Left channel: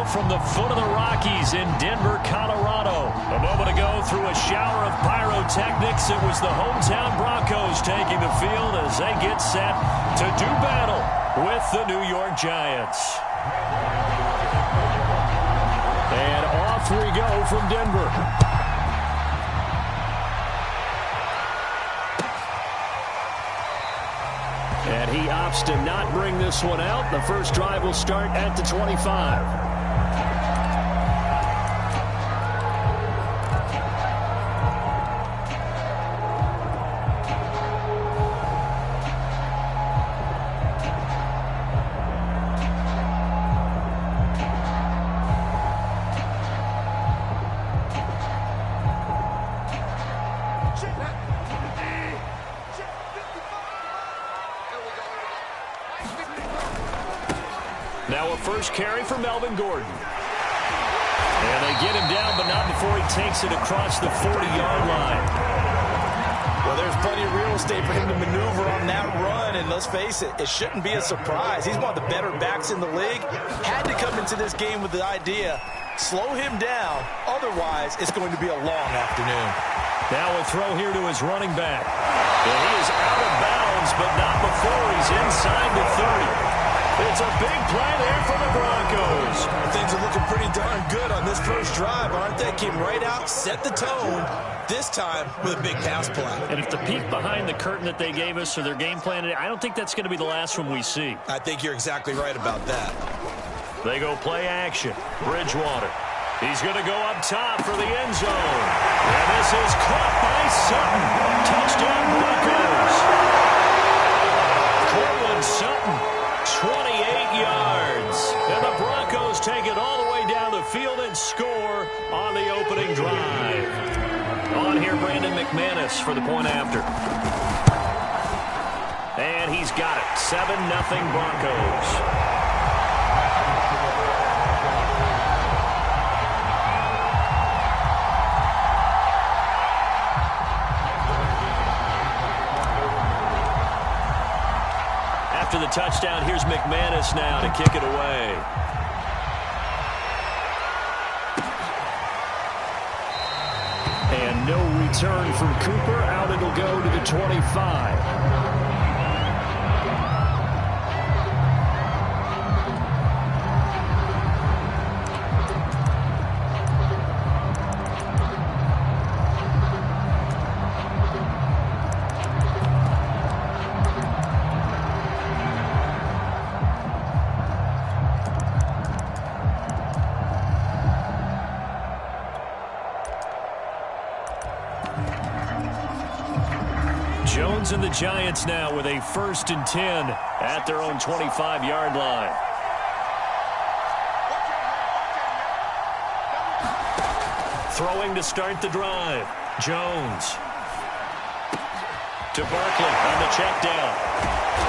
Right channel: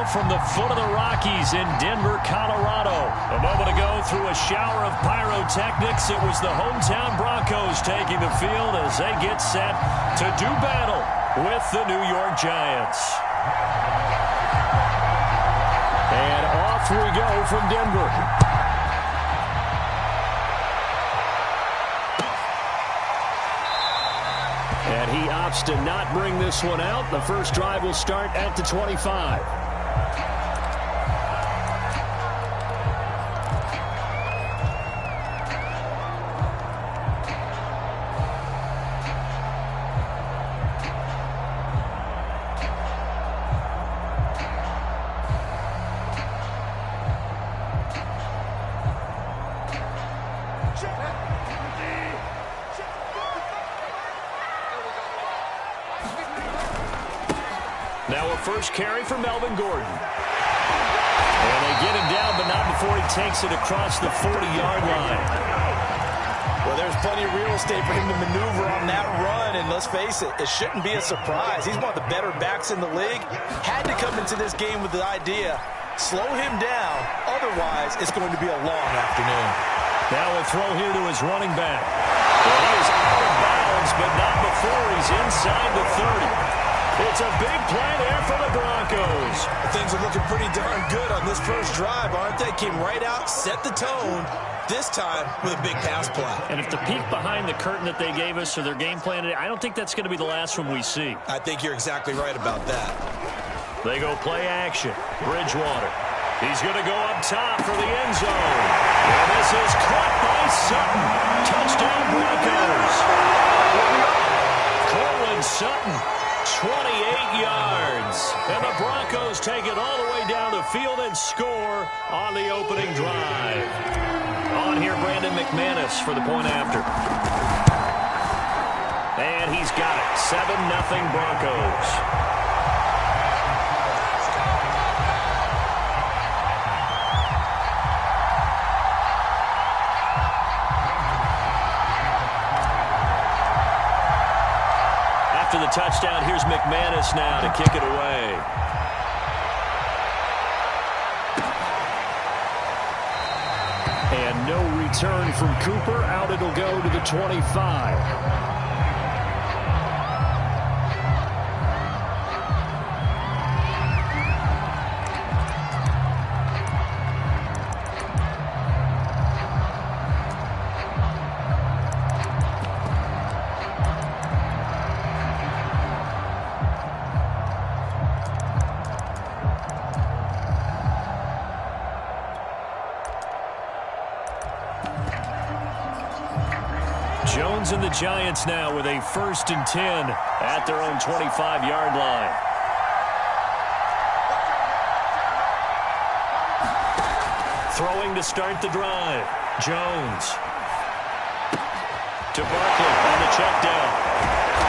touchdown from the foot of the Rockies in Denver, Colorado. A moment ago, through a shower of pyrotechnics, it was the hometown Broncos taking the field as they get set to do battle with the New York Giants. And off we go from Denver. And he opts to not bring this one out. The first drive will start at the 25. Now a first carry for Melvin Gordon. And they get him down, but not before he takes it across the 40-yard line. Well, there's plenty of real estate for him to maneuver on that run, and let's face it, it shouldn't be a surprise. He's one of the better backs in the league. Had to come into this game with the idea, slow him down, otherwise it's going to be a long afternoon. Now a throw here to his running back. And he is out of bounds, but not before he's inside the 30. It's a big play there for the Broncos. Things are looking pretty darn good on this first drive, aren't they? Came right out, set the tone, this time with a big pass play. And if the peek behind the curtain that they gave us or their game plan, I don't think that's going to be the last one we see. I think you're exactly right about that. They go play action. Bridgewater. He's going to go up top for the end zone. And this is caught by Sutton. Touchdown Broncos. Cortland Sutton. 28 yards. And the Broncos take it all the way down the field and score on the opening drive. On here, Brandon McManus for the point after. And he's got it. 7-0 Broncos. After the touchdown, here's McManus now to kick it away. And no return from Cooper. Out it'll go to the 25. Jones and the Giants now with a 1st and 10 at their own 25-yard line. Throwing to start the drive. Jones. To Barkley on the check down.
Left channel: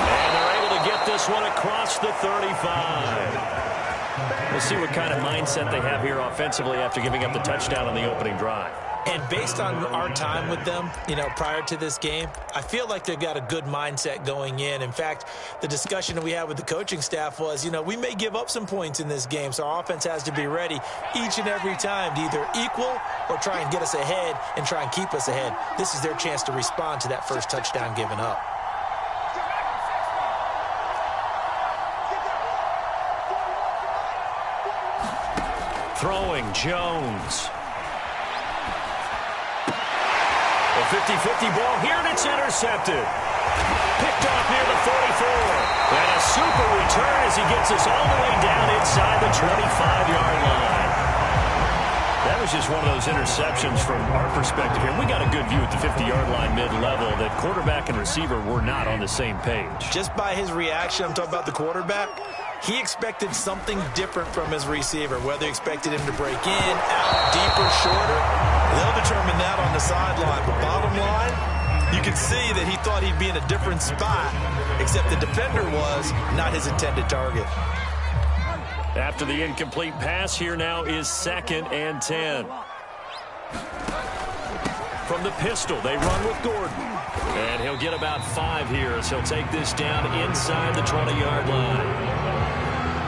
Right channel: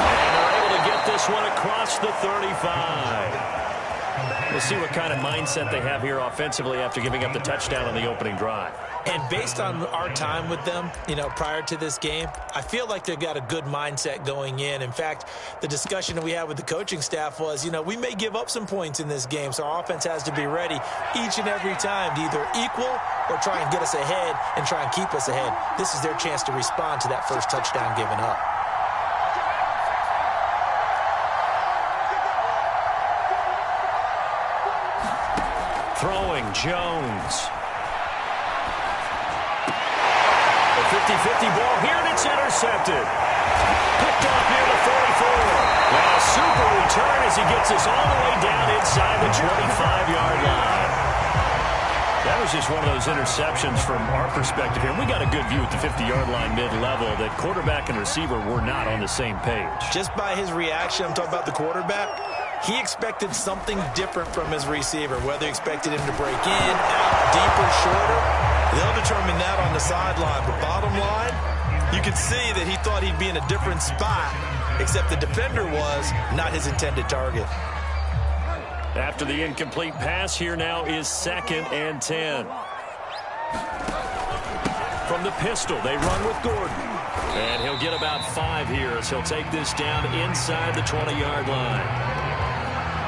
And they're able to get this one across the 35. We'll see what kind of mindset they have here offensively after giving up the touchdown on the opening drive. And based on our time with them, prior to this game, I feel like they've got a good mindset going in. In fact, the discussion that we had with the coaching staff was, we may give up some points in this game, so our offense has to be ready each and every time to either equal or try and get us ahead and try and keep us ahead. This is their chance to respond to that first touchdown given up. Throwing, Jones. A 50-50 ball here, and it's intercepted. Picked off near the 44. And a super return as he gets us all the way down inside the 25-yard line. That was just one of those interceptions from our perspective here. We got a good view at the 50-yard line mid-level that quarterback and receiver were not on the same page. Just by his reaction, I'm talking about the quarterback, he expected something different from his receiver, whether he expected him to break in, out, deeper, shorter. They'll determine that on the sideline. But bottom line, you can see that he thought he'd be in a different spot, except the defender was not his intended target. After the incomplete pass, here now is 2nd and 10. From the pistol, they run with Gordon. And he'll get about 5 here as he'll take this down inside the 20-yard line.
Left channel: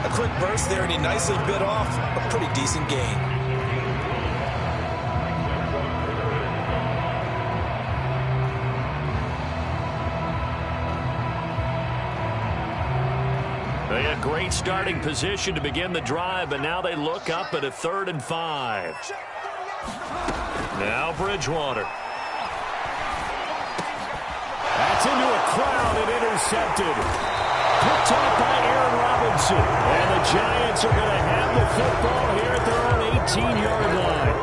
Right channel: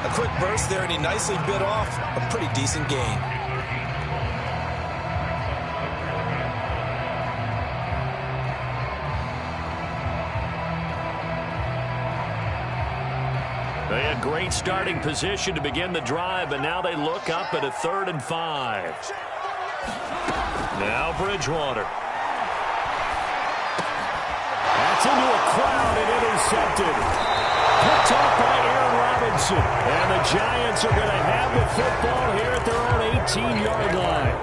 A quick burst there, and he nicely bit off a pretty decent gain. They had great starting position to begin the drive, and now they look up at a 3rd and 5. Now Bridgewater. That's into a crowd and intercepted. Picked off by Aaron Robinson. And the Giants are going to have the football here at their own 18-yard line.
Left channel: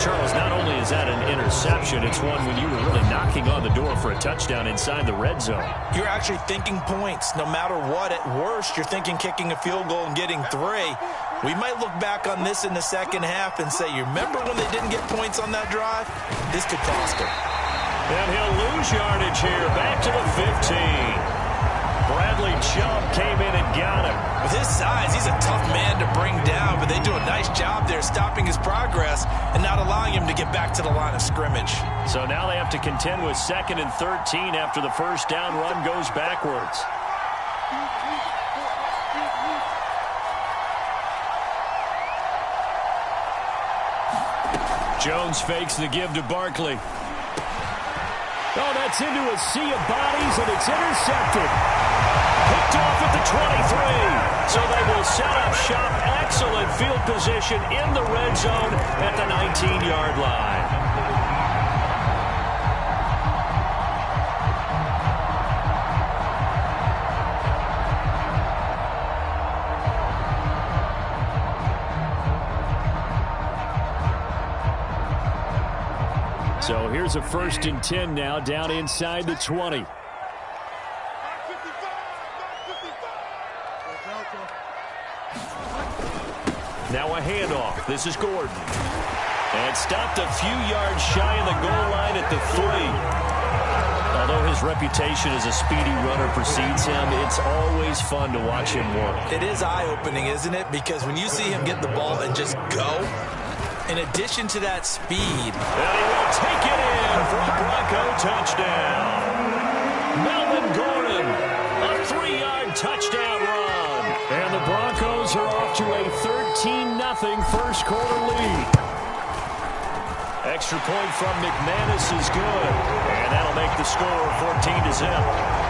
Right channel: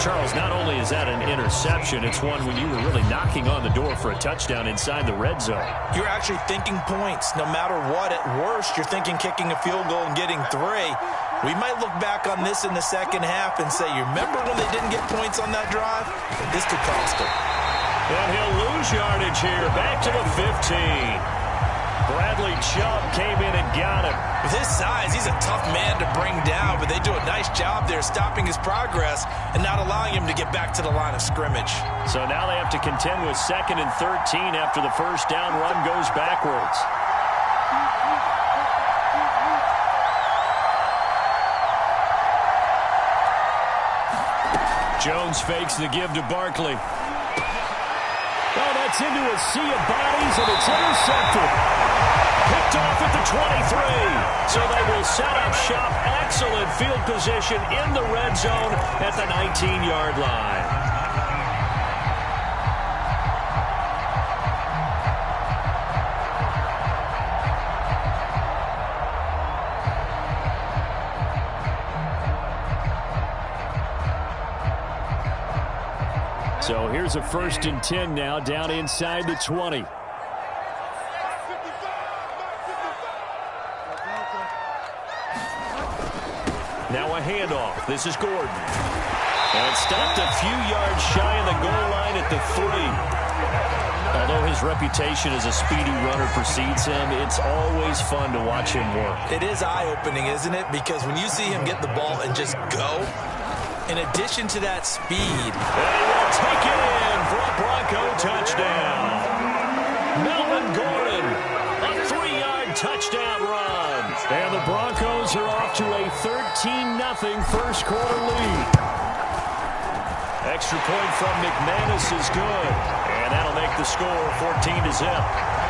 Charles, not only is that an interception, it's one when you were really knocking on the door for a touchdown inside the red zone. You're actually thinking points. No matter what, at worst, you're thinking kicking a field goal and getting 3. We might look back on this in the second half and say, you remember when they didn't get points on that drive? This could cost them. And he'll lose yardage here, back to the 15. Bradley Chubb came in and got him. With his size, he's a tough man to bring down, but they do a nice job there stopping his progress and not allowing him to get back to the line of scrimmage. So now they have to contend with 2nd and 13 after the first down run goes backwards. Jones fakes the give to Barkley. Oh, that's into a sea of bodies, and it's intercepted. Picked off at the 23. So they will set up shop. Excellent field position in the red zone at the 19-yard line. So here's a 1st and 10 now down inside the 20. Now a handoff. This is Gordon. And stopped a few yards shy of the goal line at the 3. Although his reputation as a speedy runner precedes him, it's always fun to watch him work. It is eye-opening, isn't it? Because when you see him get the ball and just go, in addition to that speed, and he will take it in for a Bronco touchdown. Melvin Gordon, a 3-yard touchdown run. And the Broncos are off to a 13-0 first quarter lead. Extra point from McManus is good. And that'll make the score 14-0.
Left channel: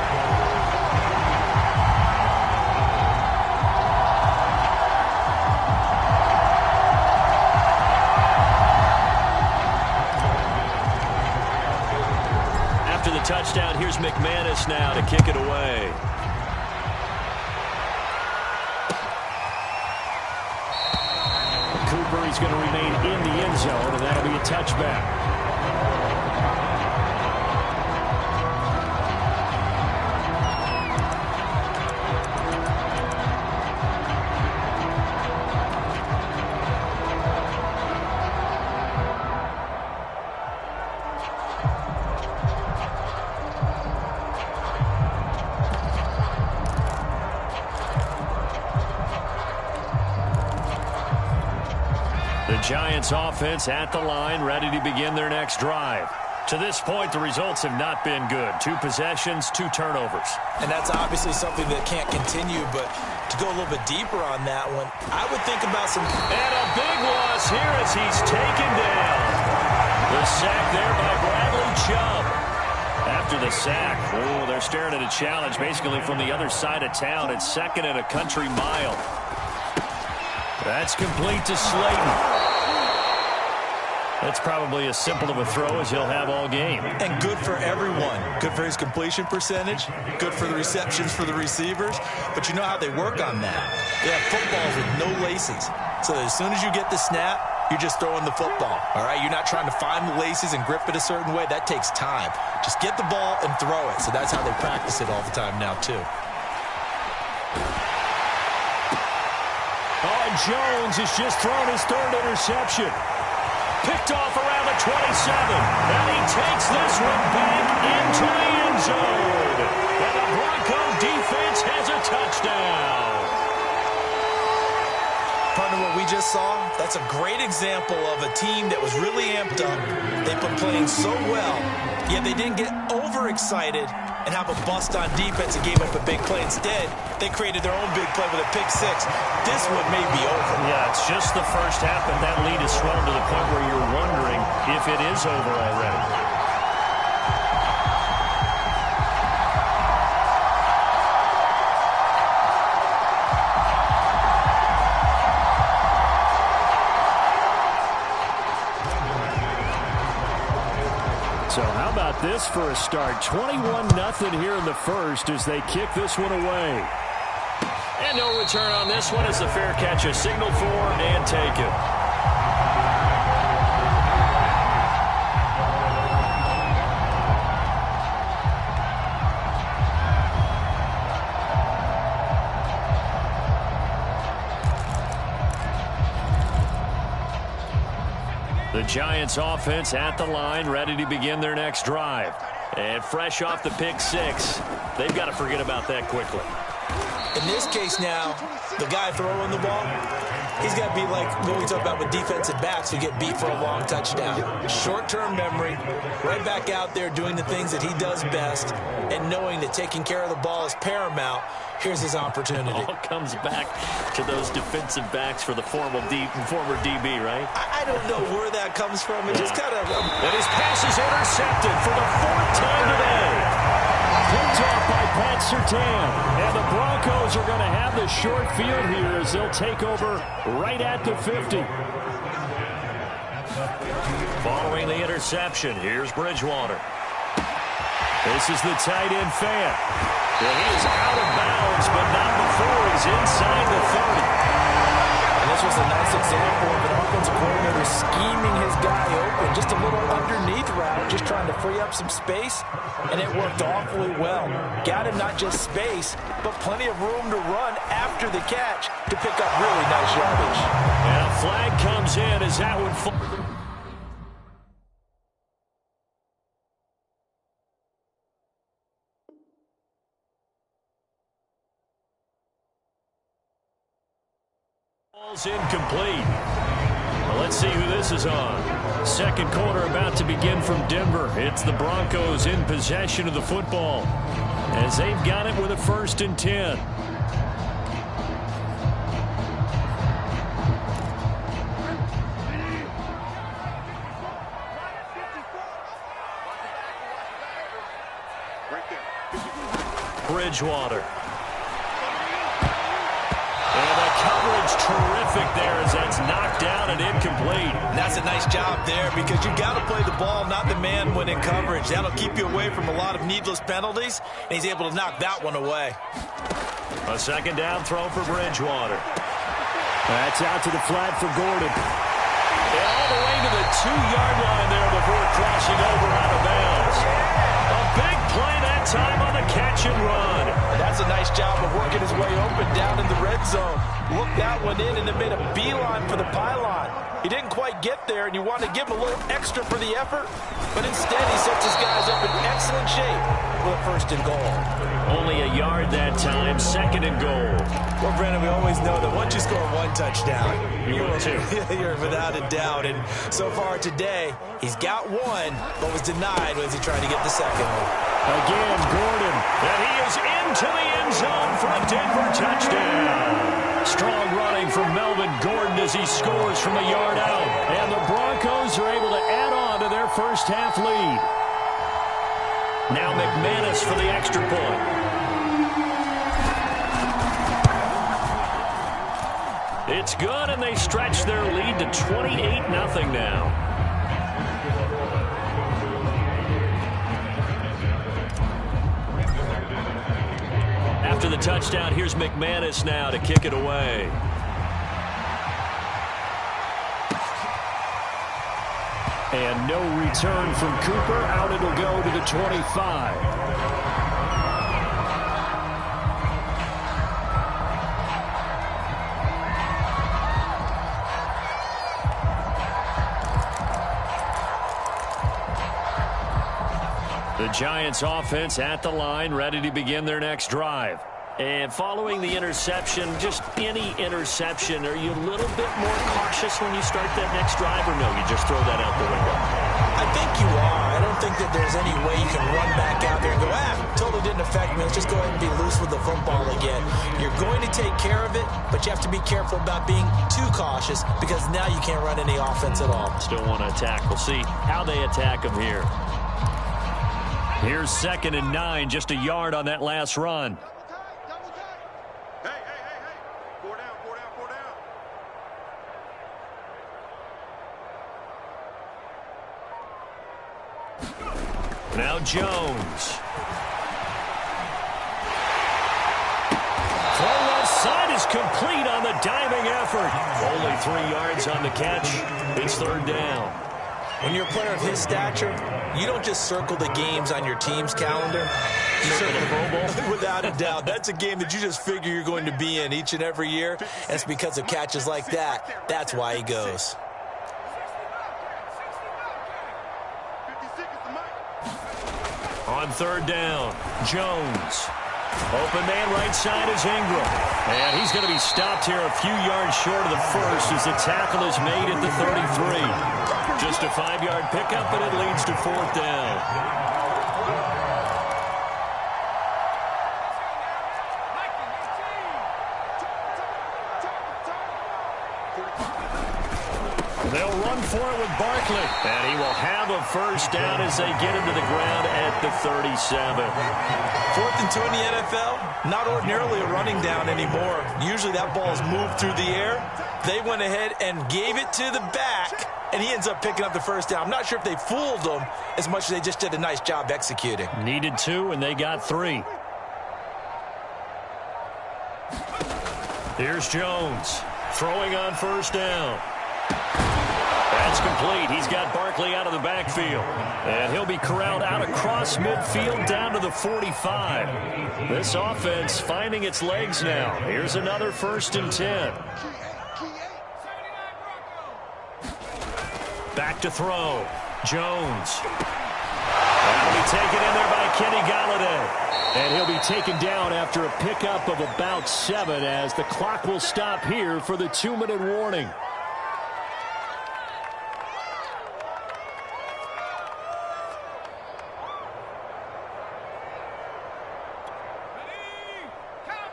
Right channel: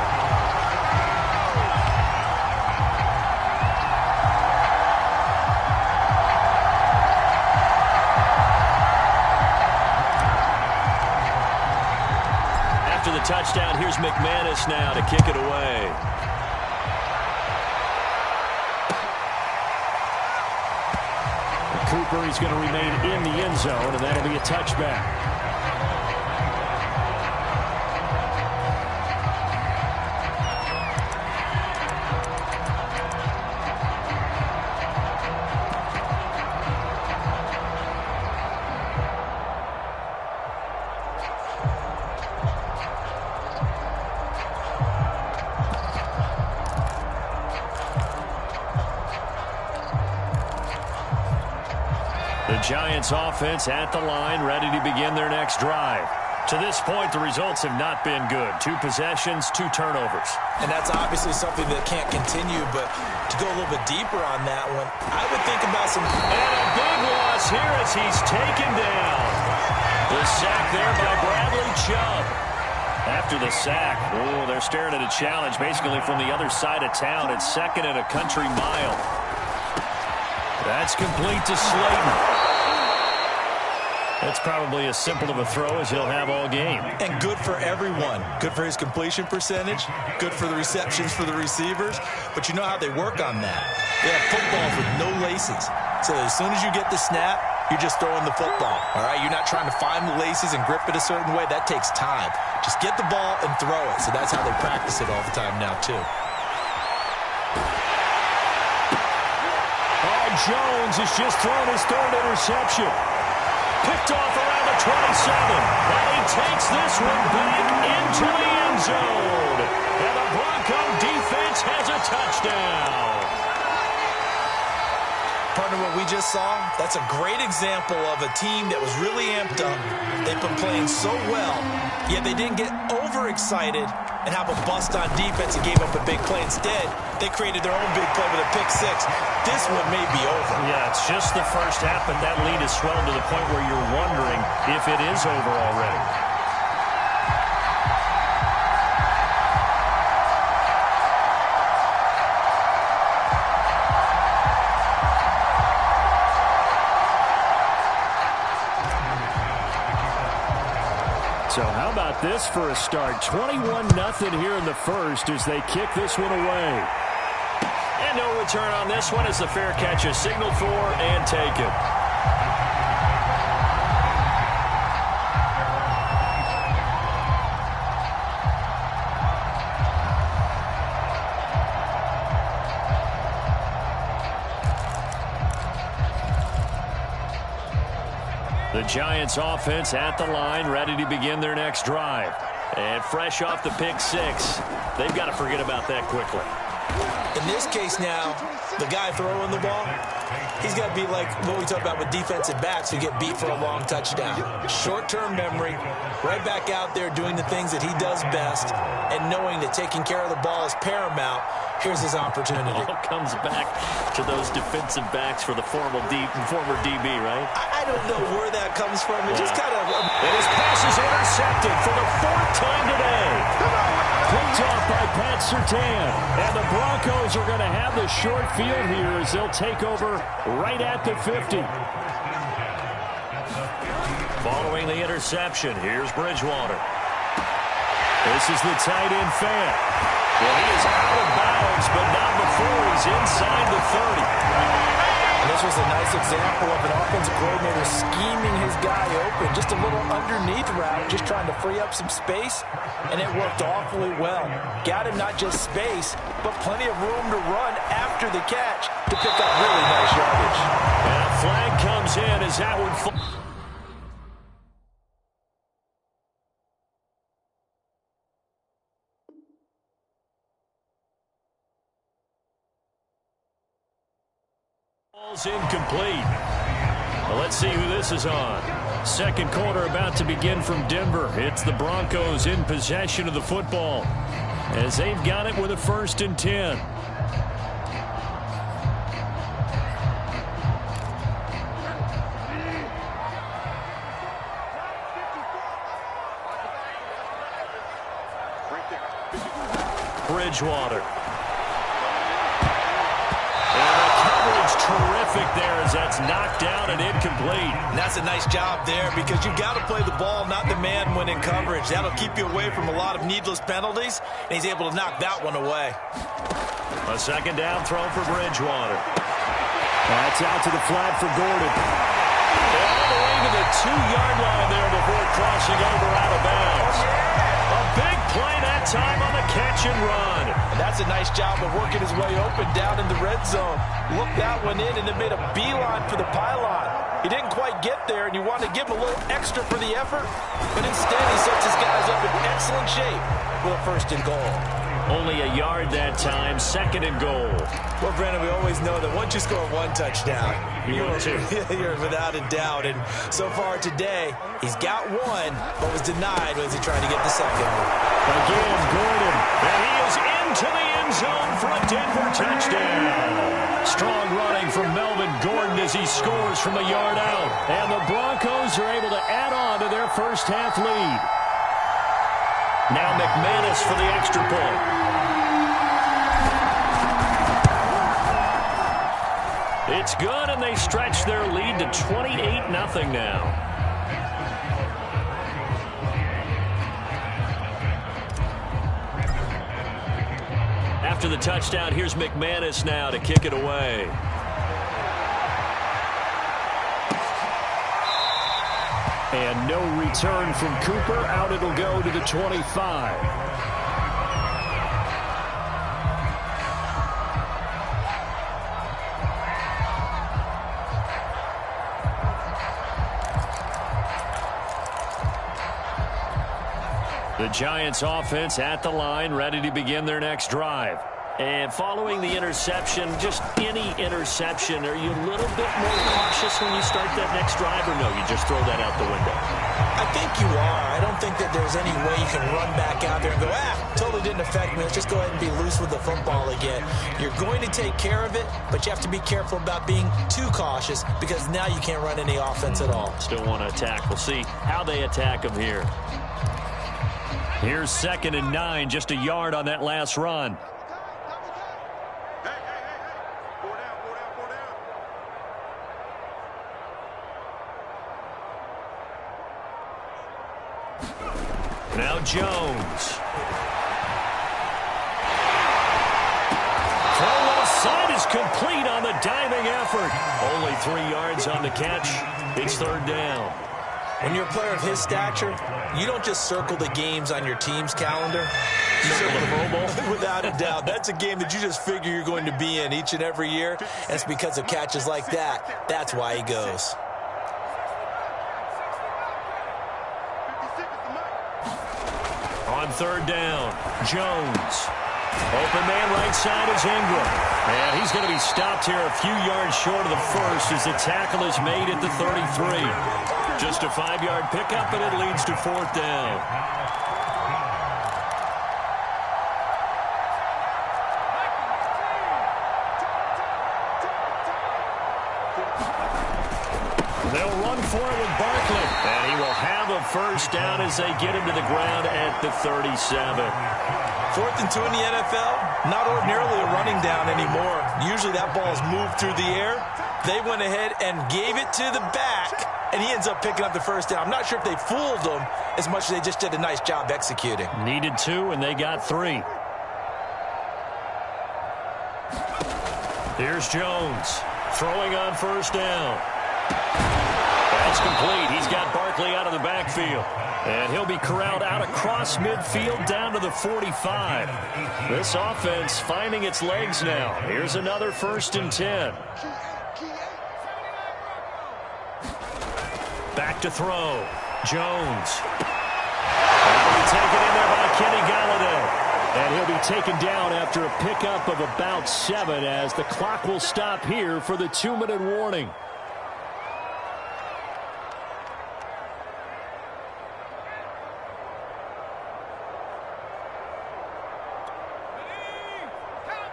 The touchdown. Here's McManus now to kick it away. Cooper, he's going to remain in the end zone, and that'll be a touchback. The Giants offense at the line, ready to begin their next drive. To this point, the results have not been good. 2 possessions, 2 turnovers. And that's obviously something that can't continue, but to go a little bit deeper on that one, I would think about some... And a big loss here as he's taken down. The sack there by Bradley Chubb. After the sack, oh, they're staring at a challenge basically from the other side of town. It's 2nd and a country mile. That's complete to Slayton. That's probably as simple of a throw as he'll have all game. And good for everyone. Good for his completion percentage. Good for the receptions for the receivers. But you know how they work on that. They have footballs with no laces. So as soon as you get the snap, you're just throwing the football. All right? You're not trying to find the laces and grip it a certain way. That takes time. Just get the ball and throw it. So that's how they practice it all the time now, too. Oh, Jones has just thrown his 3rd interception. Picked off around the 27. And he takes this one back into the end zone. And the Bronco defense has a touchdown. Partner, what we just saw, that's a great example of a team that was really amped up. They've been playing so well, yet they didn't get overexcited and have a bust on defense and gave up a big play. Instead, they created their own big play with a pick six. This one may be over. Yeah, it's just the first half, but that lead has swelled to the point where you're wondering if it is over already. So how about this for a start? 21-0 here in the first as they kick this one away. And no return on this one as the fair catch is signaled for and taken. The Giants offense at the line, ready to begin their next drive. And fresh off the pick six, they've got to forget about that quickly. In this case now, the guy throwing the ball, he's got to be like what we talk about with defensive backs who get beat for a long touchdown. Short-term memory, right back out there doing the things that he does best, and knowing that taking care of the ball is paramount. Here's his opportunity. All comes back to those defensive backs for the former DB, right? I don't know where that comes from. It just kind of... And his pass is intercepted for the fourth time today. Picked off by Pat Surtain. And the Broncos are going to have the short field here as they'll take over right at the 50. Following the interception, here's Bridgewater. This is the tight end Fant. Well, he is out of bounds, but not before he's inside the 30. And this was a nice example of an offensive coordinator scheming his guy open. Just a little underneath route, just trying to free up some space, and it worked awfully well. Got him not just space, but plenty of room to run after the catch to pick up really nice yardage. And a flag comes in as that would fall. Ball's incomplete. Well, let's see who this is on. Second quarter about to begin from Denver. It's the Broncos in possession of the football as they've got it with a 1st and 10. Bridgewater. And the coverage terrific there as that's knocked down and incomplete. And that's a nice job there because you've got to play the ball, not the man when in coverage. That'll keep you away from a lot of needless penalties, and he's able to knock that one away. A second down throw for Bridgewater. That's out to the flat for Gordon. And all the way to the 2-yard line there before crossing over out of bounds. A big play that time on the catch and run. And that's a nice job of working his way open down in the red zone. Looked that one in and then made a beeline for the pylon. He didn't quite get there, and you want to give him a little extra for the effort, but instead he sets his guys up in excellent shape with a 1st and goal. Only a yard that time, 2nd and goal. Well, Brandon, we always know that once you score one touchdown, you're without a doubt. And so far today, he's got one, but was denied as he tried to get the second one. Again, Gordon, and he is into the end zone for a Denver touchdown. Strong running from Melvin Gordon as he scores from a yard out. And the Broncos are able to add on to their first half lead. Now McManus for the extra point. It's good, and they stretch their lead to 28-0 now. After the touchdown, here's McManus now to kick it away. And no return from Cooper. Out it'll go to the 25. The Giants offense at the line, ready to begin their next drive. And following the interception, just any interception, are you a little bit more cautious when you start that next drive, or no, you just throw that out the window? I think you are. I don't think that there's any way you can run back out there and go, totally didn't affect me. Let's just go ahead and be loose with the football again. You're going to take care of it, but you have to be careful about being too cautious because now you can't run any offense at all. Still want to attack. We'll see how they attack them here. Here's 2nd and 9, just a yard on that last run. Now Jones. Throw left side is complete on the diving effort. Only 3 yards on the catch. It's 3rd down. When you're a player of his stature, you don't just circle the games on your team's calendar. You circle the Pro Bowl? Without a doubt. That's a game that you just figure you're going to be in each and every year. And it's because of catches like that. That's why he goes. On 3rd down, Jones. Open man right side is Ingram. And he's going to be stopped here a few yards short of the first as the tackle is made at the 33. Just a 5-yard pickup, and it leads to 4th down. They'll run for it with Barkley. And he will have a first down as they get him to the ground at the 37. 4th and 2 in the NFL, not ordinarily a running down anymore. Usually that ball is moved through the air. They went ahead and gave it to the back, and he ends up picking up the first down. I'm not sure if they fooled him as much as they just did a nice job executing. Needed 2, and they got 3. Here's Jones throwing on 1st down. That's complete. He's got Barkley out of the backfield. And he'll be corralled out across midfield down to the 45. This offense finding its legs now. Here's another 1st and 10. Back to throw. Jones. That'll be taken in there by Kenny Galladay. And he'll be taken down after a pickup of about 7 as the clock will stop here for the 2-minute warning.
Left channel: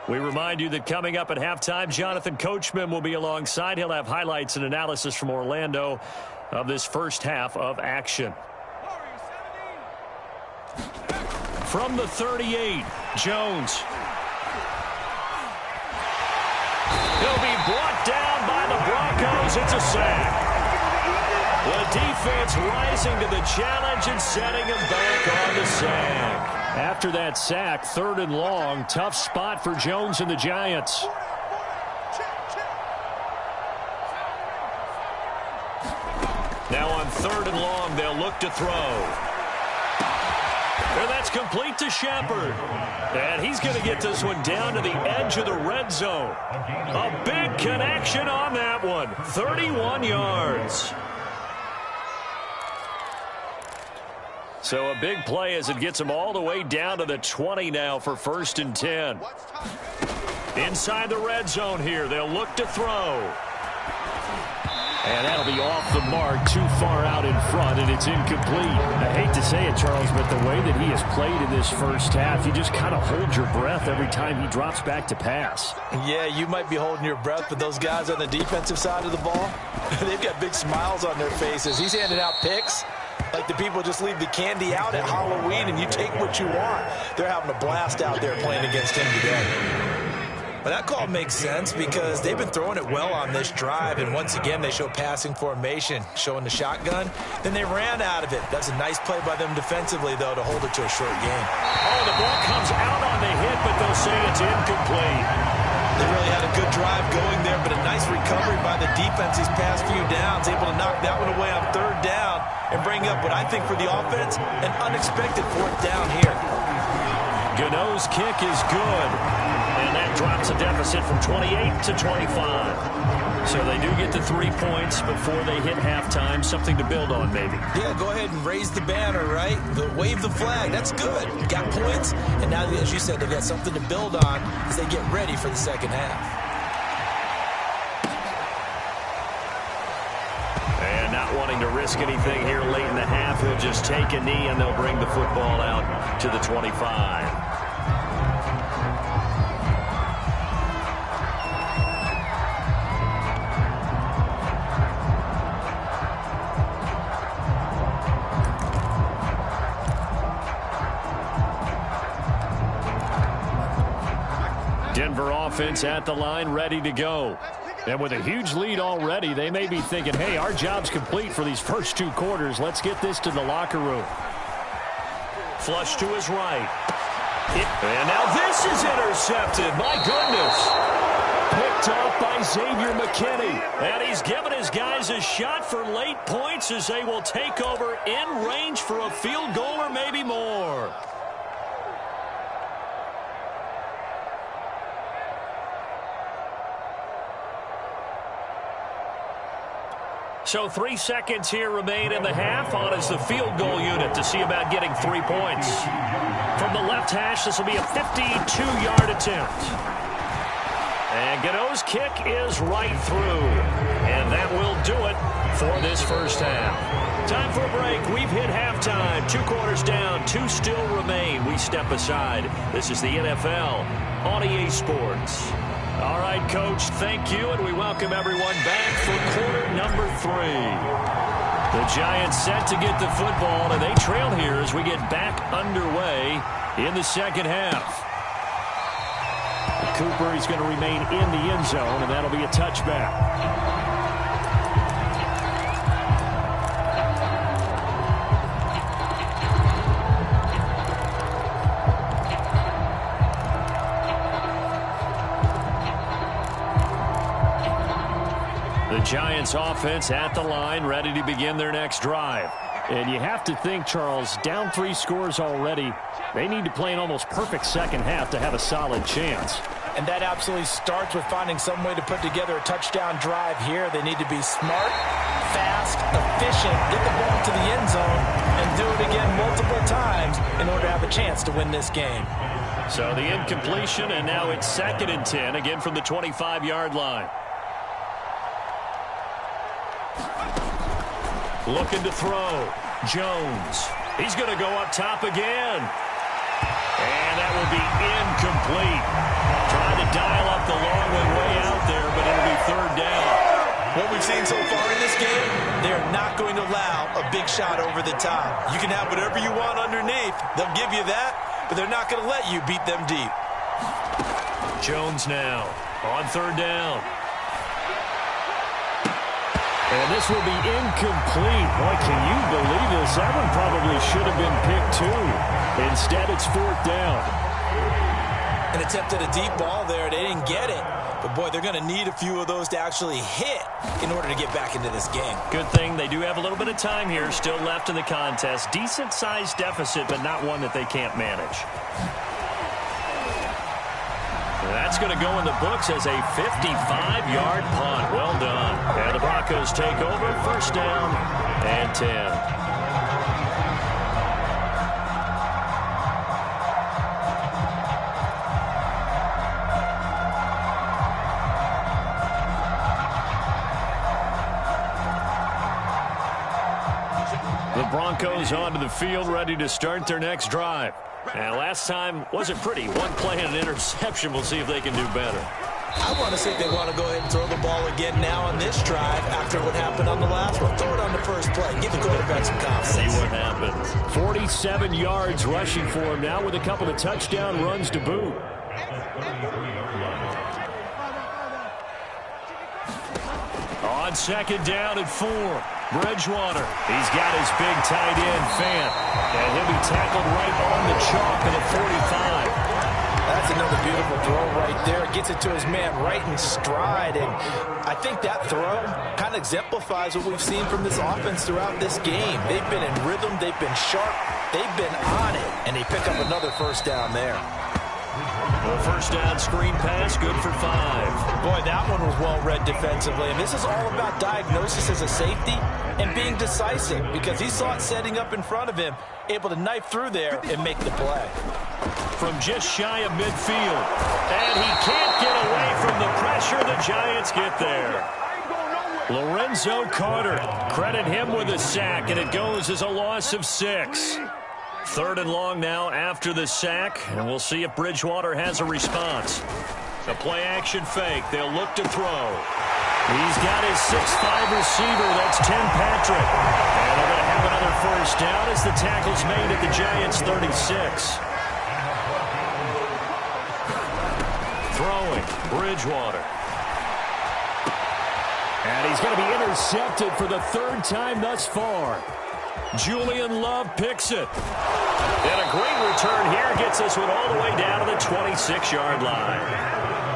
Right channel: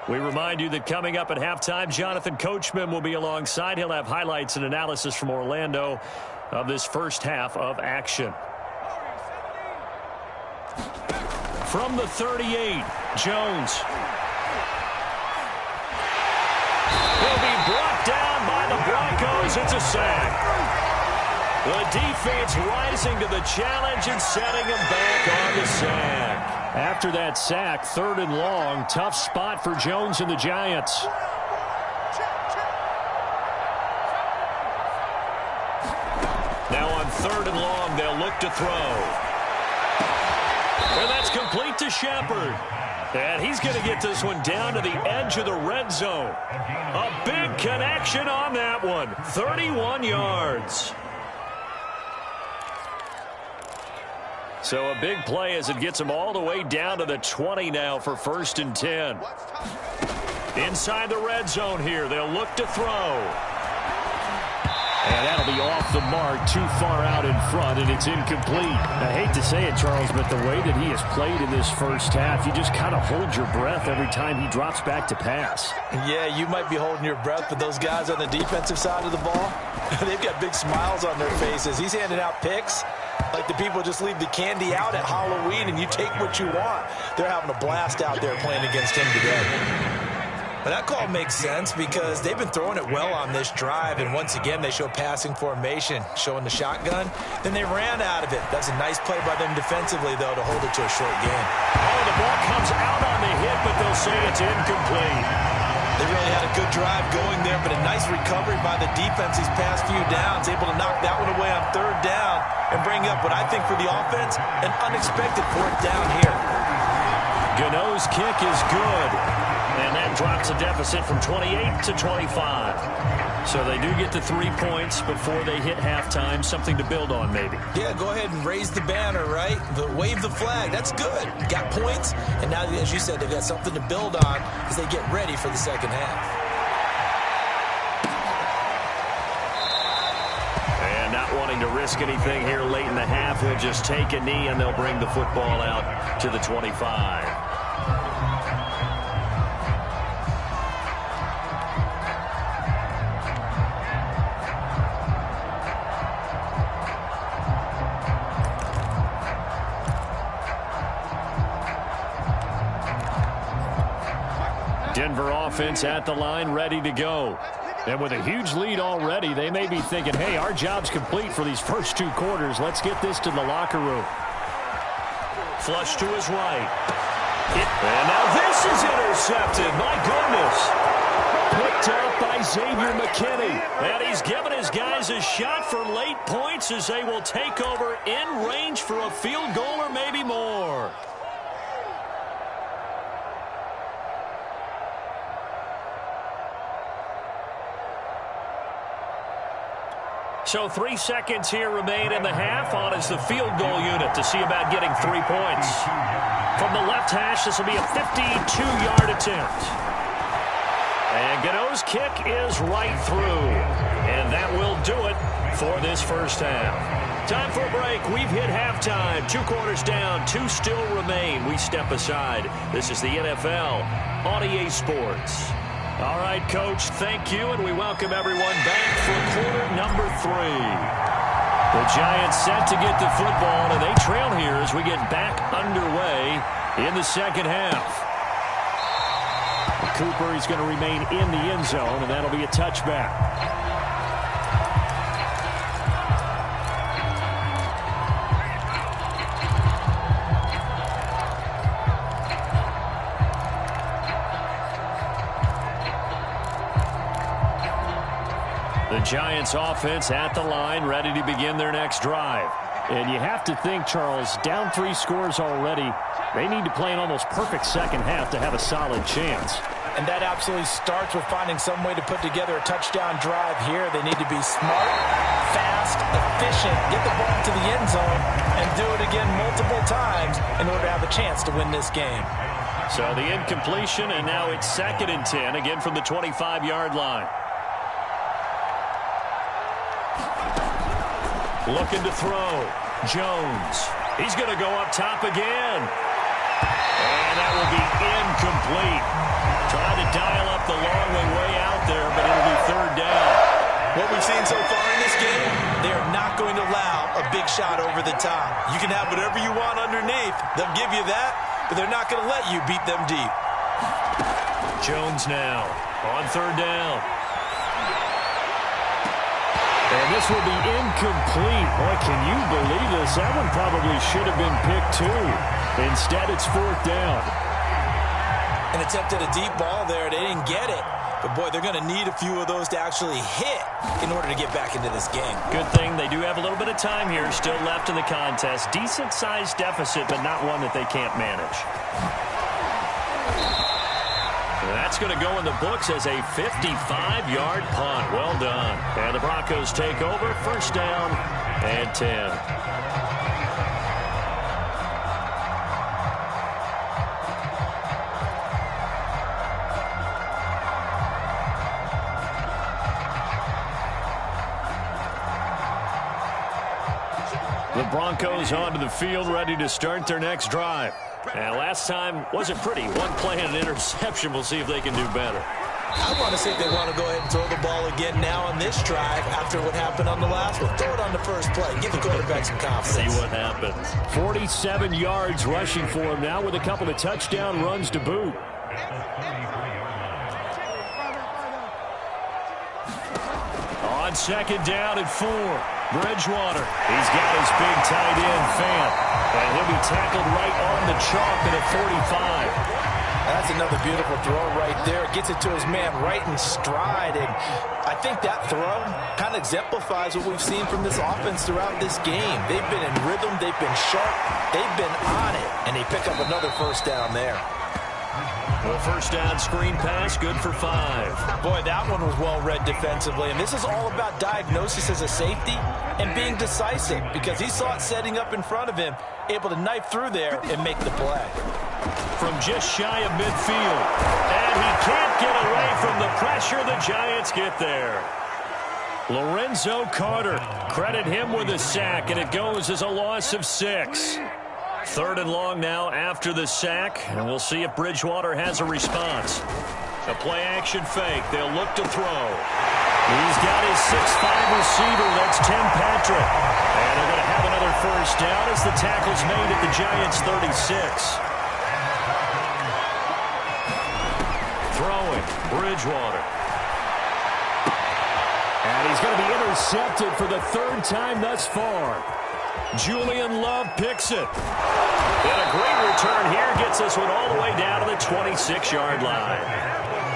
We remind you that coming up at halftime, Jonathan Coachman will be alongside. He'll have highlights and analysis from Orlando of this first half of action. From the 38, Jones. He'll be brought down by the Broncos. It's a sack. The defense rising to the challenge and setting him back on the sack. After that sack, 3rd and long, tough spot for Jones and the Giants. Now on 3rd and long, they'll look to throw. And that's complete to Shepard. And he's going to get this one down to the edge of the red zone. A big connection on that one. 31 yards. So a big play as it gets him all the way down to the 20 now for 1st and 10. Inside the red zone here. They'll look to throw. And that'll be off the mark, too far out in front, and it's incomplete. I hate to say it, Charles, but the way that he has played in this first half, you just kind of hold your breath every time he drops back to pass. Yeah, you might be holding your breath, but those guys on the defensive side of the ball, they've got big smiles on their faces. He's handing out picks like the people just leave the candy out at Halloween and you take what you want. They're having a blast out there playing against him today. But that call makes sense because they've been throwing it well on this drive, and once again they show passing formation, showing the shotgun. Then they ran out of it. That's a nice play by them defensively, though, to hold it to a short gain. Oh, the ball comes out on the hit, but they'll say it's incomplete. They really had a good drive going there, but a nice recovery by the defense these past few downs, able to knock that one away on 3rd down and bring up what I think for the offense, an unexpected 4th down here. Gano's kick is good. And that drops a deficit from 28 to 25. So they do get the 3 points before they hit halftime, something to build on maybe. Yeah, go ahead and raise the banner, right? But wave the flag. That's good. Got points, and now, as you said, they've got something to build on as they get ready for the second half. And not wanting to risk anything here late in the half, he'll just take a knee, and they'll bring the football out to the 25. Denver offense at the line, ready to go. And with a huge lead already, they may be thinking, hey, our job's complete for these first 2 quarters. Let's get this to the locker room. Flush to his right. And now this is intercepted. My goodness. Picked up by Xavier McKinney. And he's given his guys a shot for late points as they will take over in range for a field goal or maybe more. So 3 seconds here remain in the half. On is the field goal unit to see about getting 3 points. From the left hash, this will be a 52-yard attempt. And Gano's kick is right through. And that will do it for this first half. Time for a break. We've hit halftime. 2 quarters down. 2 still remain. We step aside. This is the NFL on EA Sports. All right, Coach, thank you, and we welcome everyone back for quarter number 3. The Giants set to get the football, and they trail here as we get back underway in the second half. Cooper is going to remain in the end zone, and that'll be a touchback. The Giants offense at the line, ready to begin their next drive. And you have to think, Charles, down 3 scores already. They need to play an almost perfect second half to have a solid chance. And that absolutely starts with finding some way to put together a touchdown drive here. They need to be smart, fast, efficient, get the ball to the end zone, and do it again multiple times in order to have a chance to win this game. So the incompletion, and now it's 2nd and 10, again from the 25-yard line. Looking to throw. Jones. He's going to go up top again. And that will be incomplete. Trying to dial up the long way out there, but it'll be 3rd down. What we've seen so far in this game, they are not going to allow a big shot over the top. You can have whatever you want underneath. They'll give you that, but they're not going to let you beat them deep. Jones now on 3rd down. And this will be incomplete. Boy, can you believe this? That one probably should have been picked too. Instead, it's 4th down. An attempt at a deep ball there. They didn't get it. But, boy, they're going to need a few of those to actually hit in order to get back into this game. Good thing they do have a little bit of time here still left in the contest. Decent-sized deficit, but not one that they can't manage. That's going to go in the books as a 55-yard punt. Well done. And the Broncos take over. 1st down and 10. The Broncos onto the field, ready to start their next drive. And last time wasn't pretty. One play and an interception. We'll see if they can do better. I want to see if they want to go ahead and throw the ball again now on this drive after what happened on the last one. Throw it on the first play. Give the quarterback some confidence. See what happens. 47 yards rushing for him now with a couple of touchdown runs to boot. On 2nd down and 4. Bridgewater. He's got his big tight end, Fant. And he'll be tackled right on the chalk at a 45. That's another beautiful throw right there. Gets it to his man right in stride. And I think that throw kind of exemplifies what we've seen from this offense throughout this game. They've been in rhythm. They've been sharp. They've been on it. And they pick up another 1st down there. The first down screen pass, good for 5. Boy, that one was well read defensively, and this is all about diagnosis as a safety and being decisive because he saw it setting up in front of him, able to knife through there and make the play. From just shy of midfield, and he can't get away from the pressure. The Giants get there. Lorenzo Carter, credit him with a sack, and it goes as a loss of 6. 3rd and long now after the sack, and we'll see if Bridgewater has a response. A play-action fake. They'll look to throw. He's got his 6'5 receiver. That's Tim Patrick. And they're going to have another first down as the tackle's made at the Giants' 36. Throwing, Bridgewater. And he's going to be intercepted for the 3rd time thus far. Julian Love picks it. And a great return here gets this one all the way down to the 26-yard line.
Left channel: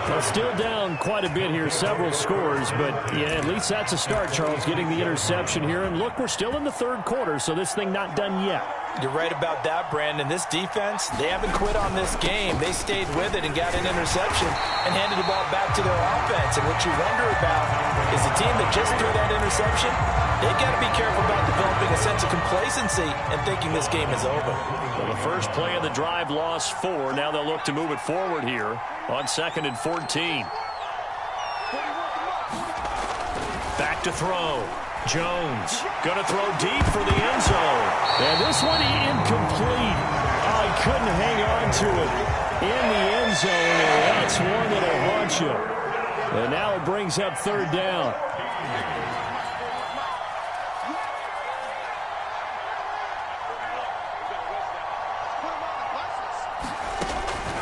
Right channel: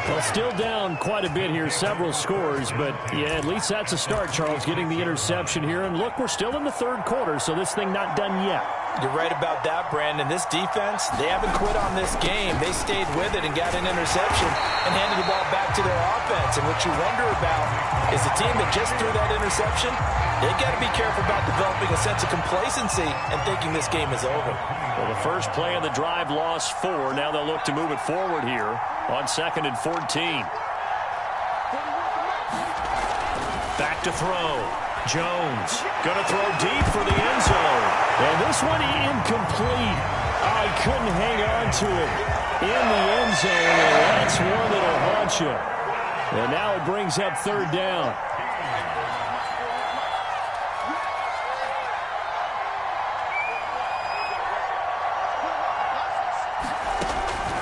Well, still down quite a bit here, several scores, but yeah, at least that's a start, Charles, getting the interception here. And look, we're still in the 3rd quarter, so this thing not done yet. You're right about that, Brandon. This defense, they haven't quit on this game. They stayed with it and got an interception and handed the ball back to their offense. And what you wonder about is the team that just threw that interception, they got to be careful about developing a sense of complacency and thinking this game is over. Well, the first play of the drive lost 4. Now they'll look to move it forward here on 2nd and 14. Back to throw. Jones going to throw deep for the end zone. And this one incomplete. Oh, he couldn't hang on to it in the end zone, and that's one that'll haunt you. And now it brings up 3rd down.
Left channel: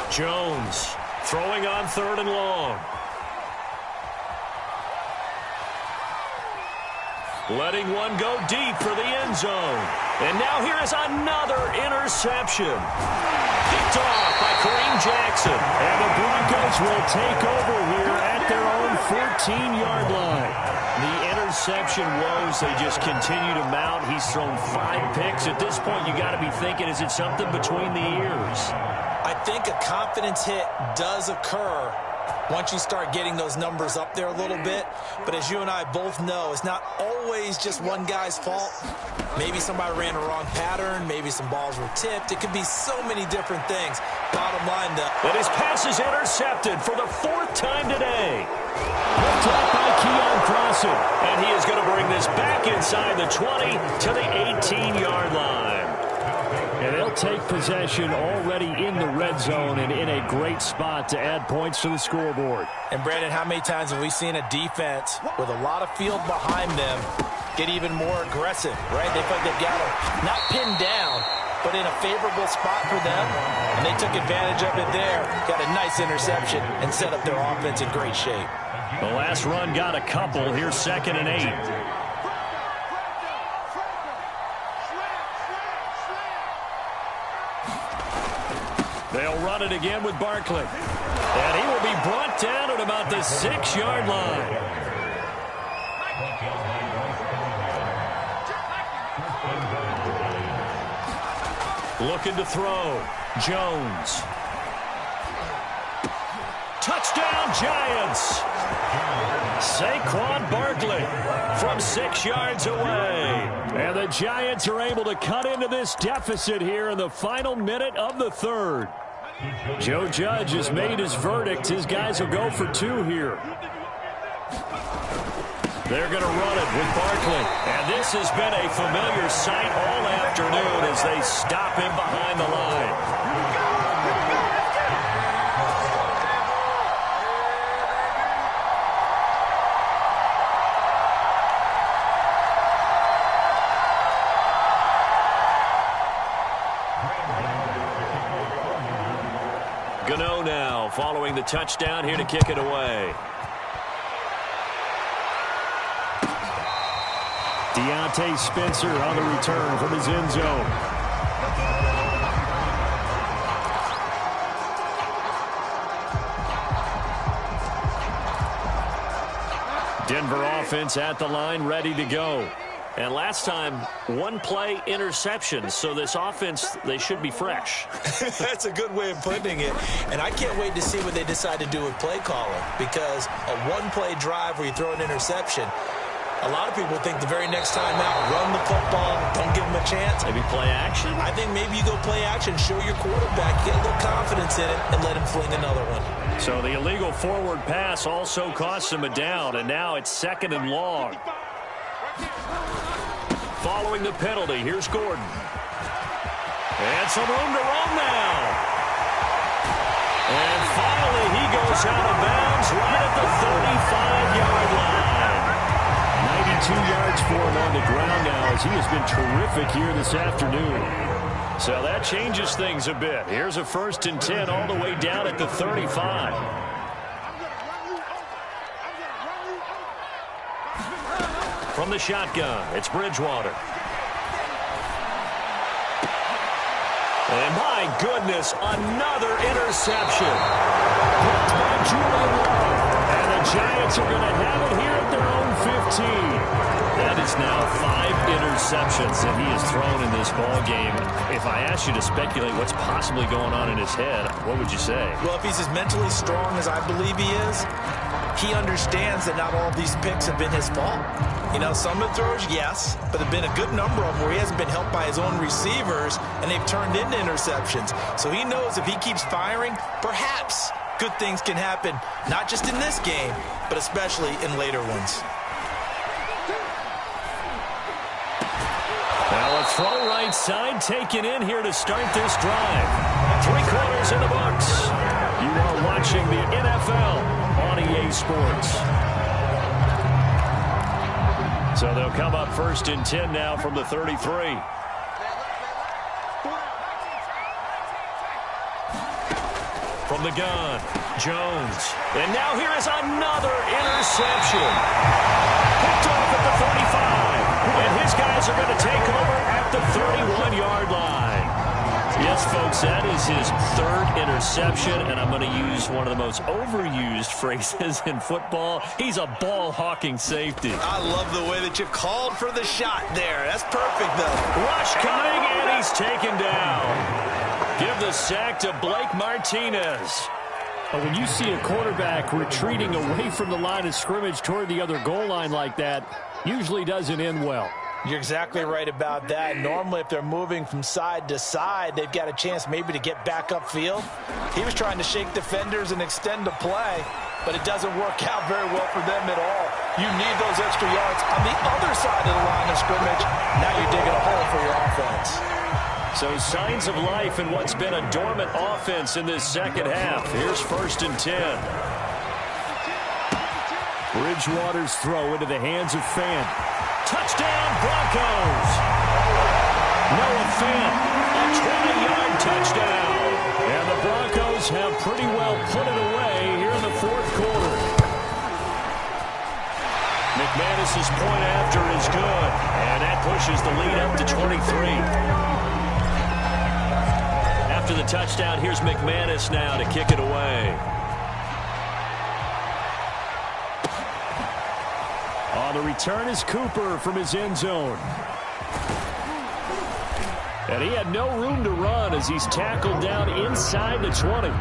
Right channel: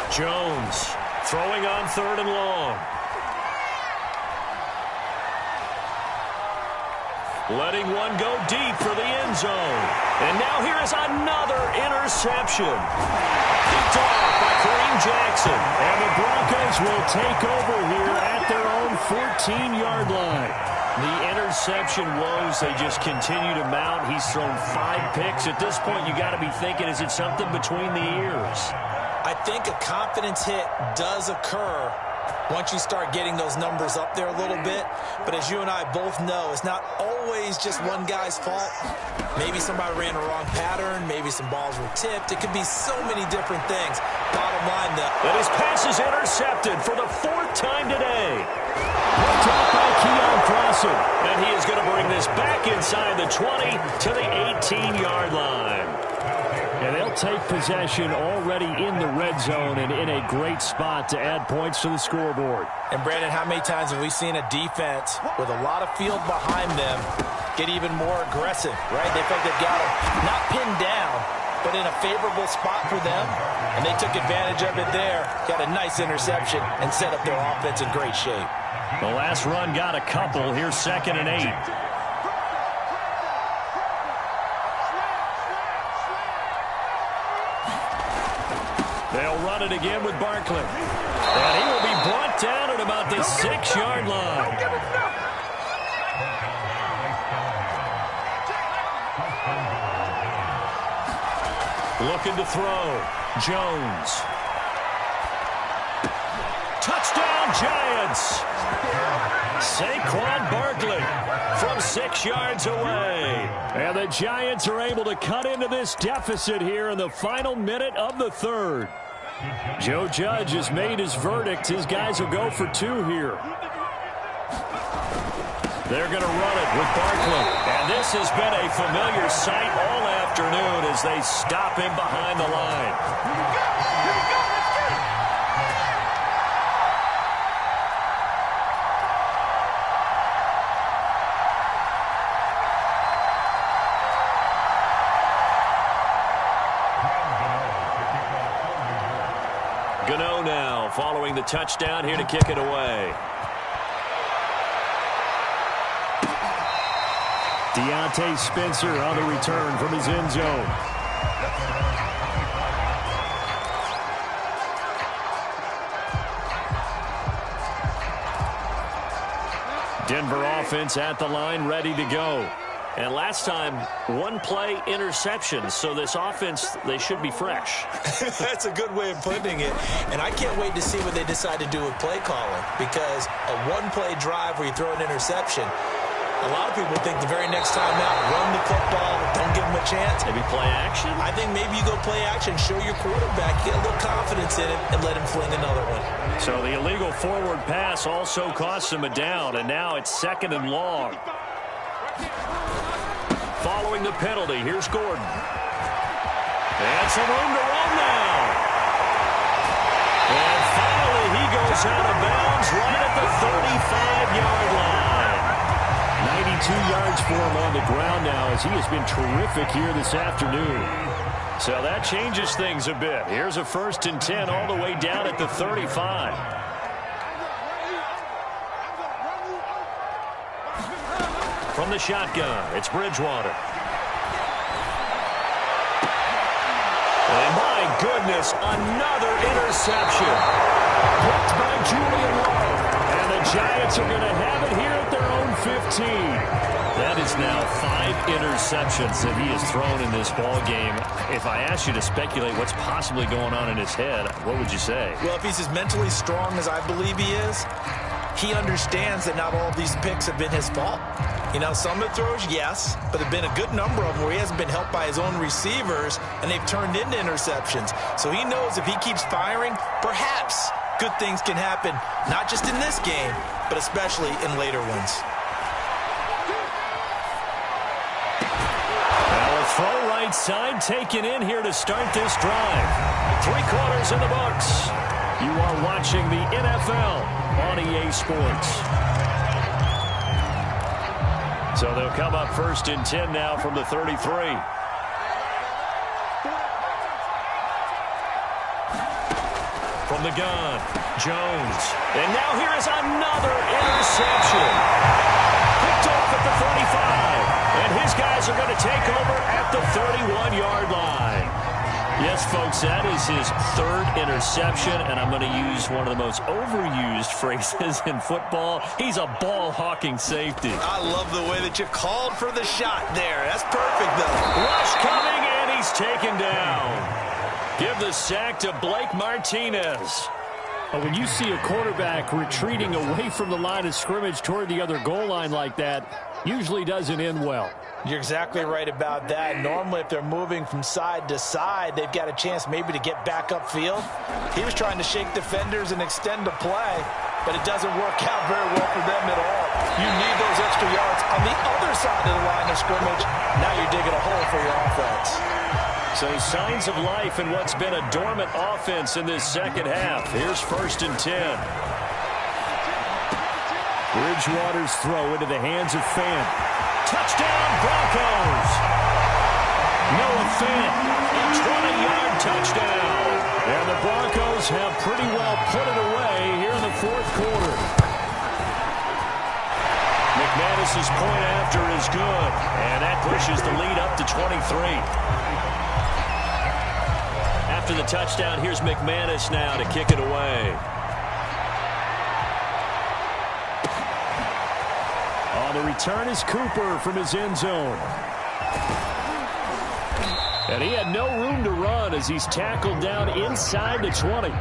Jones throwing on 3rd and long. Letting one go deep for the end zone. And now here is another interception. Picked off by Kareem Jackson. And the Broncos will take over here at their own 14-yard line. The interception woes, they just continue to mount. He's thrown 5 picks. At this point, you got to be thinking, is it something between the ears? I think a confidence hit does occur once you start getting those numbers up there a little bit. But as you and I both know, it's not always just one guy's fault. Maybe somebody ran a wrong pattern. Maybe some balls were tipped. It could be so many different things. Bottom line, though. And his pass is intercepted for the 4th time today. Picked off by Keon Crossen. And he is going to bring this back inside the 20 to the 18-yard line. And they'll take possession already in the red zone and in a great spot to add points to the scoreboard. And, Brandon, how many times have we seen a defense with a lot of field behind them get even more aggressive, right? They feel like they've got them not pinned down, but in a favorable spot for them, and they took advantage of it there, got a nice interception, and set up their offense in great shape. The last run got a couple. Here's 2nd and 8. They'll run it again with Barkley. And he will be brought down at about the 6-yard line. Looking to throw. Jones. Touchdown, Giants. Saquon Barkley from 6 yards away. And the Giants are able to cut into this deficit here in the final minute of the 3rd. Joe Judge has made his verdict. His guys will go for 2 here. They're going to run it with Barkley. And this has been a familiar sight all afternoon as they stop him behind the line. Gano now following the touchdown here to kick it away. Deontay Spencer on the return from his end zone. Denver offense at the line, ready to go. And last time, one play interception. So this offense, they should be fresh. That's a good way of putting it. And I can't wait to see what they decide to do with play calling, because a one-play drive where you throw an interception, a lot of people think the very next time out, run the football, don't give them a chance. Maybe play action? I think maybe you go play action, show your quarterback, get a little confidence in it, and let him fling another one. So the illegal forward pass also costs him a down, and now it's 2nd and long. Following the penalty, here's Gordon. And some room to roam now. And finally, he goes out of bounds right at the 35-yard line. 92 yards for him on the ground now, as he has been terrific here this afternoon. So that changes things a bit. Here's a 1st and 10 all the way down at the 35. From the shotgun, it's Bridgewater. And my goodness, another interception. Blocked by Julian Love. And the Giants are going to have it here at their own 15. That is now 5 interceptions that he has thrown in this ball game. If I asked you to speculate what's possibly going on in his head, what would you say? Well, if he's as mentally strong as I believe he is, he understands that not all of these picks have been his fault. You know, some of the throws, yes, but there have been a good number of them where he hasn't been helped by his own receivers, and they've turned into interceptions. So he knows if he keeps firing, perhaps good things can happen, not just in this game, but especially in later ones. Now a throw right side taken in here to start this drive. 3 quarters in the books. You are watching the NFL on EA Sports. So they'll come up 1st and 10 now from the 33. From the gun, Jones. And now here is another interception. Picked off at the 35. And his guys are going to take over at the 31-yard line. Yes, folks, that is his 3rd interception, and I'm going to use one of the most overused phrases in football. He's a ball-hawking safety. I love the way that you called for the shot there. That's perfect, though. Rush coming, and he's taken down. Give the sack to Blake Martinez. But when you see a quarterback retreating away from the line of scrimmage toward the other goal line like that, usually doesn't end well. You're exactly right about that. Normally, if they're moving from side to side, they've got a chance maybe to get back upfield. He was trying to shake defenders and extend the play, but it doesn't work out very well for them at all. You need those extra yards on the other side of the line of scrimmage. Now you're digging a hole for your offense. So signs of life in what's been a dormant offense in this second half. Here's 1st and 10. Bridgewater's throw into the hands of Fant. Touchdown, Broncos. Noah Fant, a 20-yard touchdown. And the Broncos have pretty well put it away here in the 4th quarter. McManus's point after is good, and that pushes the lead up to 23. After the touchdown, here's McManus now to kick it away. On the return is Cooper from his end zone. And he had no room to run as he's tackled down inside the 20.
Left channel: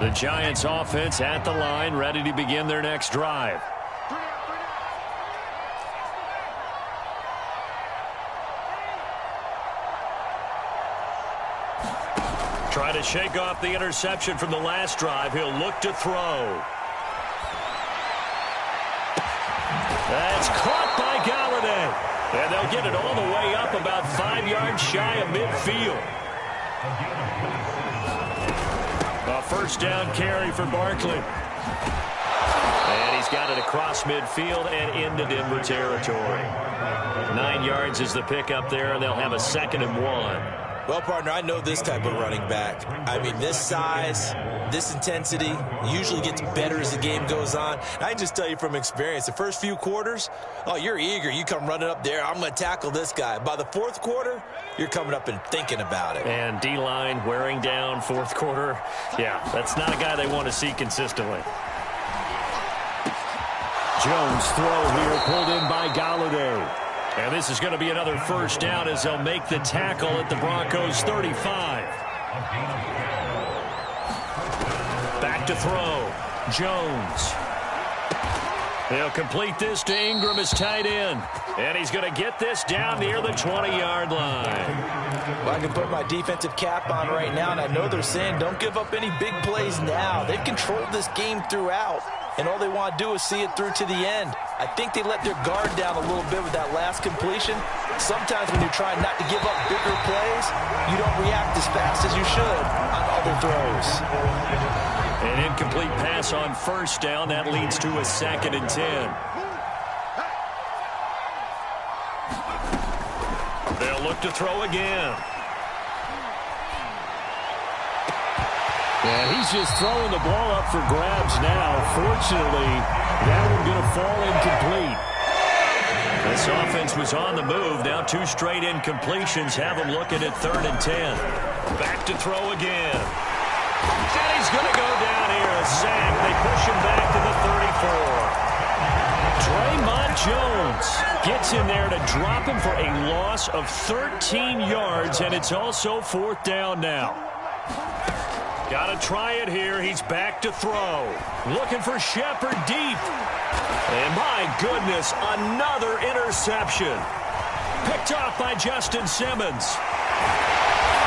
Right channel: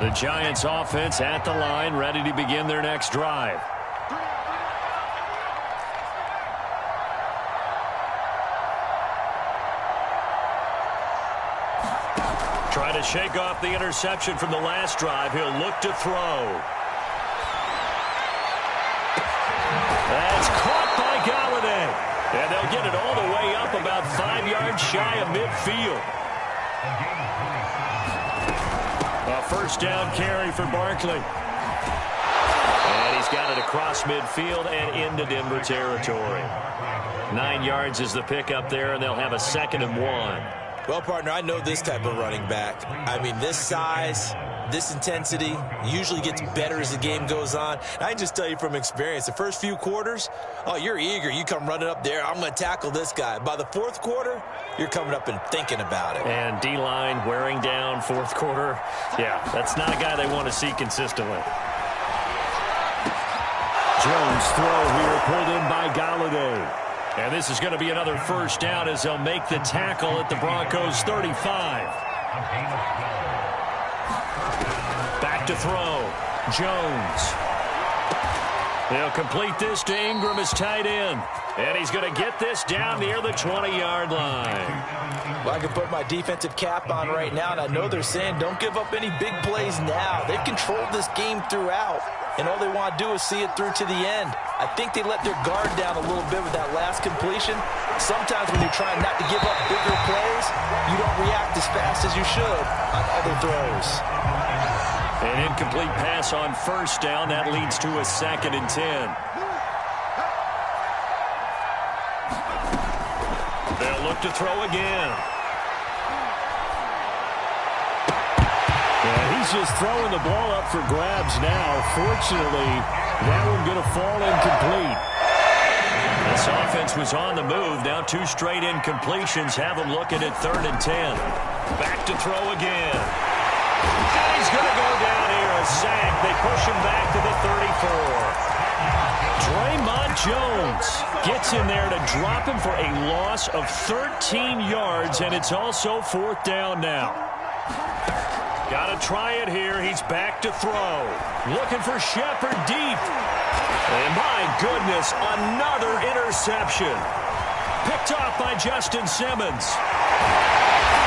The Giants offense at the line, ready to begin their next drive. Trying to shake off the interception from the last drive. He'll look to throw. That's caught by Galladay. And they'll get it all the way up about 5 yards shy of midfield. A 1st down carry for Barkley. And he's got it across midfield and into Denver territory. 9 yards is the pickup there, and they'll have a 2nd and 1. Well, partner, I know this type of running back. I mean, this size, this intensity usually gets better as the game goes on. And I can just tell you from experience, the first few quarters, oh, you're eager. You come running up there, I'm going to tackle this guy. By the fourth quarter, you're coming up and thinking about it. And D-line wearing down fourth quarter. Yeah, that's not a guy they want to see consistently. Jones throw here pulled in by Galladay. And this is going to be another first down as they'll make the tackle at the Broncos 35. Back to throw. Jones. They'll complete this to Ingram, his tight end. And he's going to get this down near the 20-yard line. Well, I can put my defensive cap on right now, and I know they're saying don't give up any big plays now. They've controlled this game throughout, and all they want to do is see it through to the end. I think they let their guard down a little bit with that last completion. Sometimes when you're trying not to give up bigger plays, you don't react as fast as you should on other throws. An incomplete pass on first down. That leads to a 2nd and 10. They'll look to throw again. And he's just throwing the ball up for grabs now. Fortunately, that one going to fall incomplete. This offense was on the move. Now 2 straight incompletions have them looking at 3rd and 10. Back to throw again. And he's going to go down here. A sack. They push him back to the 34. Draymond Jones gets in there to drop him for a loss of 13 yards, and it's also 4th down now. Got to try it here. He's back to throw. Looking for Shepard deep. And my goodness, another interception. Picked off by Justin Simmons.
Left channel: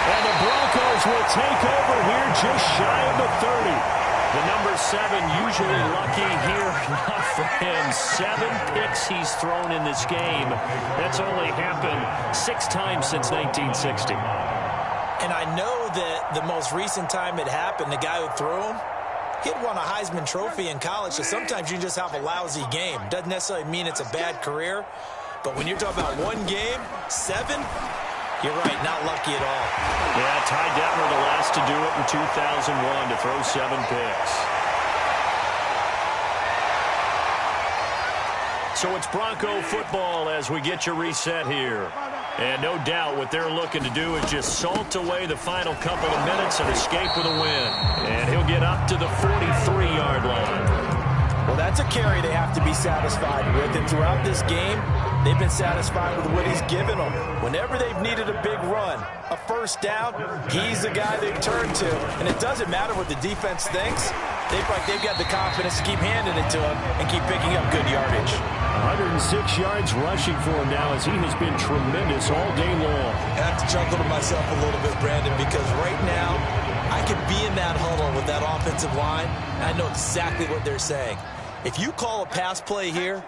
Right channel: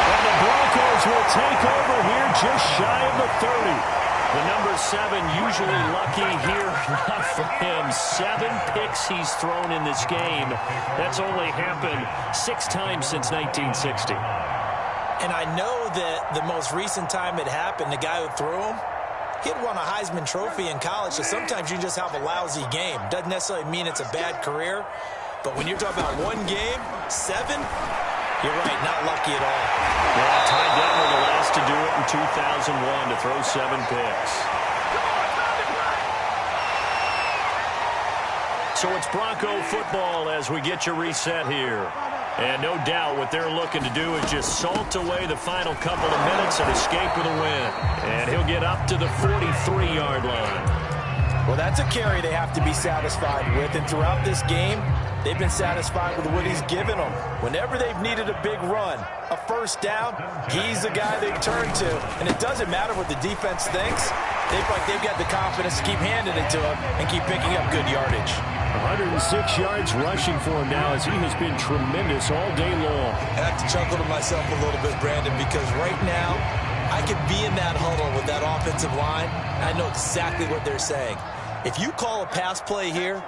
And the Broncos will take over here just shy of the 30. The number 7 usually lucky here. Not for him. 7 picks he's thrown in this game. That's only happened 6 times since 1960. And I know that the most recent time it happened, the guy who threw him, he'd won a Heisman Trophy in college, so sometimes you just have a lousy game. Doesn't necessarily mean it's a bad career, but when you're talking about one game, 7, you're right, not lucky at all. Yeah, Ty Detmer the last to do it in 2001 to throw 7 picks. So it's Bronco football as we get you reset here. And no doubt what they're looking to do is just salt away the final couple of minutes and escape with a win. And he'll get up to the 43-yard line. Well, that's a carry they have to be satisfied with. And throughout this game, they've been satisfied with what he's given them. Whenever they've needed a big run, a first down, he's the guy they've turned to. And it doesn't matter what the defense thinks. They've got the confidence to keep handing it to him and keep picking up good yardage. 106 yards rushing for him now as he has been tremendous all day long. I have to chuckle to myself a little bit, Brandon, because right now I could be in that huddle with that offensive line, and I know exactly what they're saying. If you call a pass play here,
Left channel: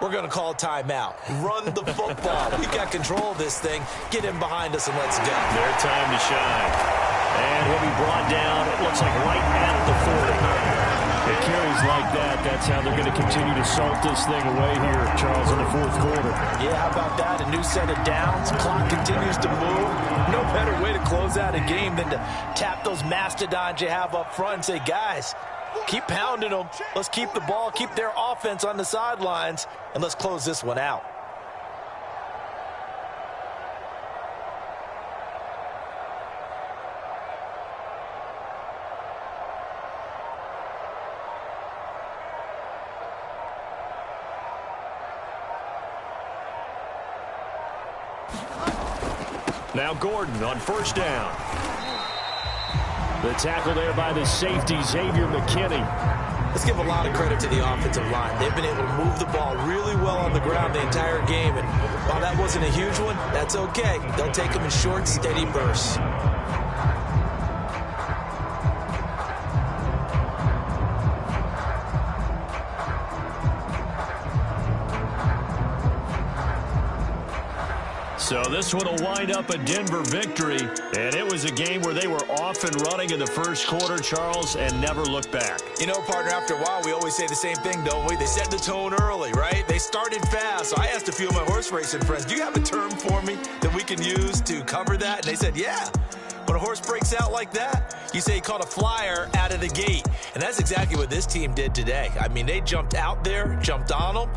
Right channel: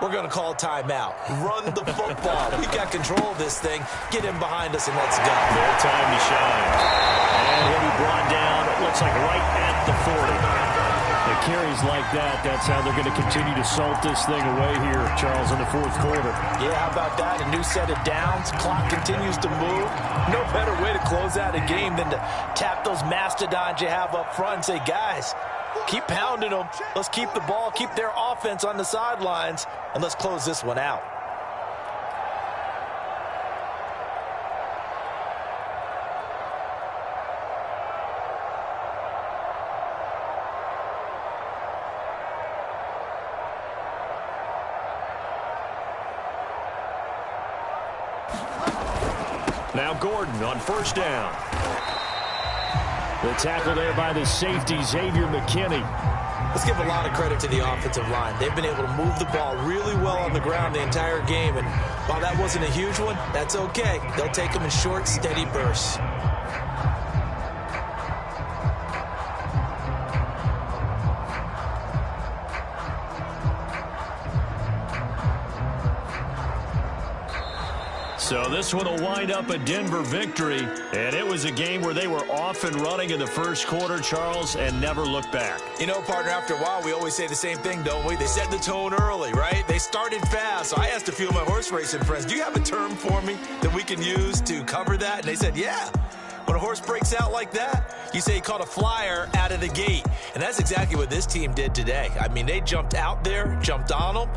we're going to call a timeout. Run the football. We got control of this thing. Get him behind us and let's go. Their time to shine. And he'll be brought down, it looks like right at the 40. The carries like that, that's how they're going to continue to salt this thing away here, Charles, in the fourth quarter. Yeah, how about that? A new set of downs. Clock continues to move. No better way to close out a game than to tap those mastodons you have up front and say, guys, keep pounding them. Let's keep the ball, keep their offense on the sidelines, and let's close this one out. Now Gordon on first down. The tackle there by the safety, Xavier McKinney. Let's give a lot of credit to the offensive line. They've been able to move the ball really well on the ground the entire game. And while that wasn't a huge one, that's okay. They'll take them in short, steady bursts. So this one will wind up a Denver victory, and it was a game where they were off and running in the first quarter, Charles, and never looked back. You know, partner, after a while, we always say the same thing, don't we? They set the tone early, right? They started fast. So I asked a few of my horse racing friends, do you have a term for me that we can use to cover that? And they said, yeah. When a horse breaks out like that, you say he caught a flyer out of the gate. And that's exactly what this team did today. I mean, they jumped out there, jumped on them,